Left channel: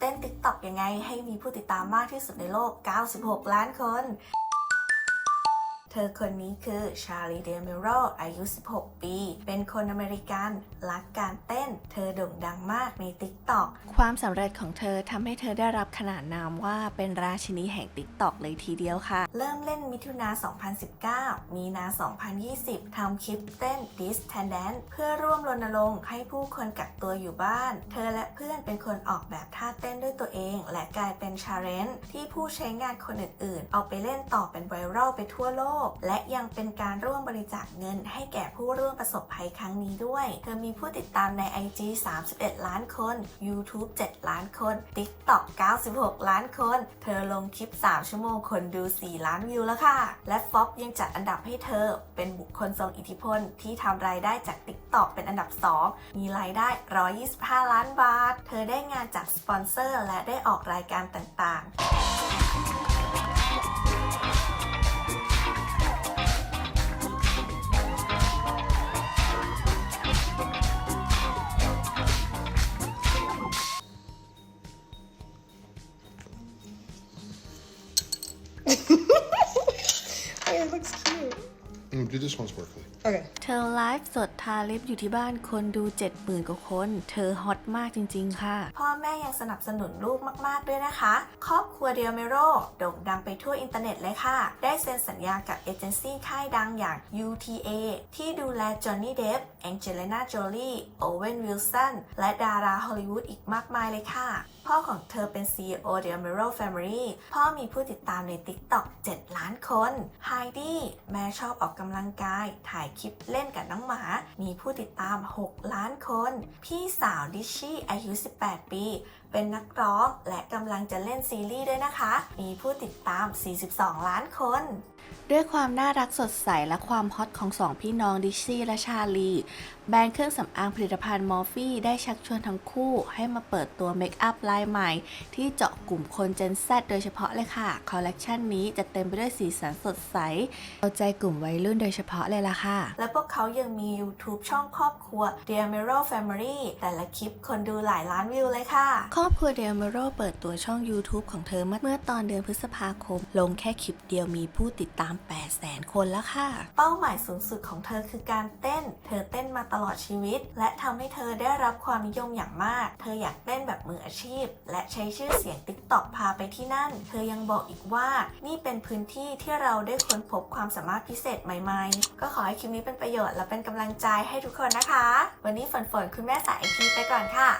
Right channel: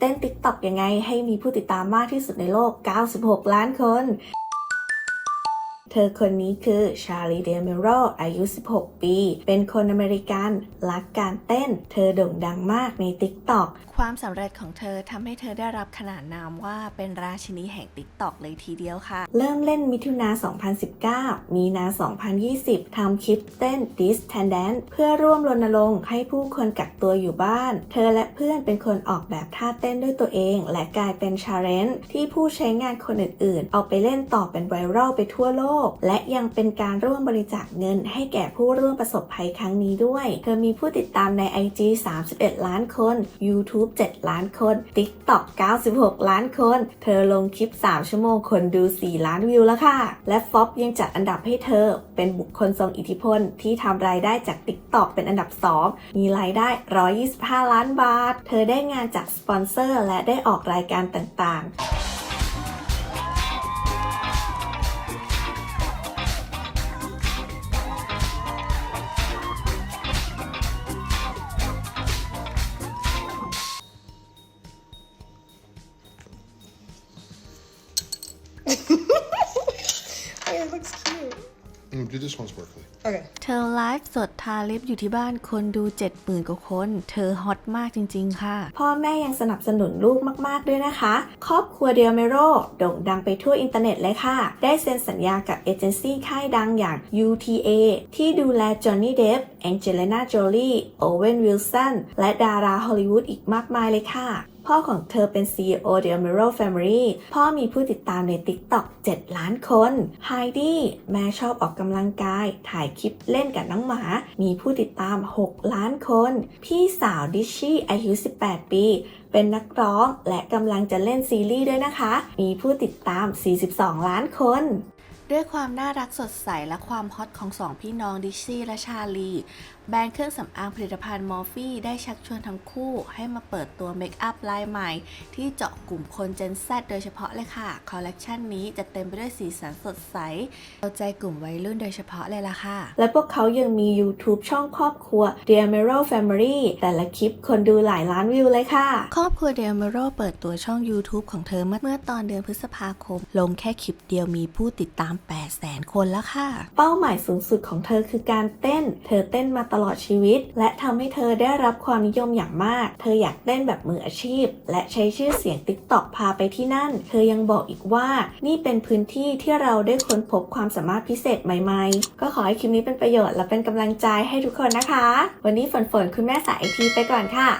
เต้น TikTok ยังไงให้มีผู้ติดตามมากที่สุดในโลก 96 ล้านคน เธอคนนี้คือชาลีเดเมโรอายุ 16 ปี เป็นคนอเมริกัน รักการเต้น เธอโด่งดังมากใน TikTok ความสำเร็จของเธอทำให้เธอได้รับขนานนามว่าเป็นราชินีแห่งติ๊กตอกเลยทีเดียวค่ะ เริ่มเล่นมิถุนา 2019 มีนา 2020 ทำคลิปเต้น This t a n d a n c e เพื่อร่วมรณรงค์ให้ผู้คนกักตัวอยู่บ้าน เธอและเพื่อนเป็นคนออกแบบท่าเต้นด้วยตัวเอง และกลายเป็นชาเลนจ์ที่ผู้ใช้งานคนอื่นๆ เอาไปเล่นต่อเป็นไวรัลไปทั่วโลกและยังเป็นการร่วมบริจาคเงินให้แก่ผู้ร่วมประสบภัยครั้งนี้ด้วย เธอมีผู้ติดตามใน IG 31 ล้านคน YouTube 7 ล้านคน TikTok 96 ล้านคน เธอลงคลิป 3 ชั่วโมงคนดู 4 ล้านวิวแล้วค่ะ และฟอบยังจัดอันดับให้เธอ เป็นบุคคลทรงอิทธิพลที่ทำรายได้จาก TikTok เป็นอันดับ 2 มีรายได้ 125 ล้านบาท เธอได้งานจากสปอนเซอร์และได้ออกรายการต่างๆ it looks cute. Mm, do this one sparkly. Okay. เธอไลฟ์สดทาลิปอยู่ที่บ้านคนดู 70,000 กว่าคน เธอฮอตมากจริง ๆ ค่ะ พ่อแม่ยังสนับสนุนลูกมาก ๆ ด้วยนะคะ ครอบครัวเดียเมโรโด่งดังไปทั่วอินเทอร์เน็ตเลยค่ะ ได้เซ็นสัญญากับเอเจนซี่ค่ายดังอย่าง UTA ที่ดูแลจอห์นนี่เดฟแองเจลิน่าโจลีโอเวนวิลสันและดาราฮอลลีวูดอีกมากมายเลยค่ะพ่อของเธอเป็น CEO The Amero Family พ่อมีผู้ติดตามใน TikTok 7 ล้านคนไฮดี้แม่ชอบออกกำลังกาย ถ่ายคลิปเล่นกับน้องหมา มีผู้ติดตาม 6 ล้านคน พี่สาวดิชชี่อายุ 18 ปี เป็นนักร้องและกำลังจะเล่นซีรีส์ด้วยนะคะ มีผู้ติดตาม 42 ล้านคน ด้วยความน่ารักสดใสและความฮอตของสองพี่น้องดิชซี่และชาลี แบรนด์เครื่องสำอางผลิตภัณฑ์มอร์ฟี่ได้ชักชวนทั้งคู่ให้มาเปิดตัวเมคอัพลายใหม่ ที่เจาะกลุ่มคน Gen Z โดยเฉพาะเลยค่ะ คอลเลกชันนี้จะเต็มไปด้วยสีสันสดใสเอาใจกลุ่มวัยรุ่นโดยเฉพาะเลยล่ะค่ะ และพวกเขายังมี YouTube ช่องครอบครัว The Amero Family แต่ละคลิปคนดูหลายล้านวิวเลยค่ะครอบครัวเดลเมโรเปิดตัวช่อง YouTube ของเธอเมื่อตอนเดือนพฤษภาคม ลงแค่คลิปเดียวมีผู้ติดตาม 800,000คนแล้วค่ะ เป้าหมายสูงสุดของเธอคือการเต้น เธอเต้นมาตลอดชีวิต และทำให้เธอได้รับความนิยมอย่างมาก เธออยากเต้นแบบมืออาชีพ และใช้ชื่อเสียง TikTok พาไปที่นั่น เธอยังบอกอีกว่านี่เป็นพื้นที่ที่เราได้ค้นพบความสามารถพิเศษใหม่ๆ ก็ขอให้คลิปนี้เป็นประโยชน์และเป็นกำลังใจให้ทุกคนนะคะ วันนี้ฝนฝนคุณแม่สายไอทีไปก่อนค่ะ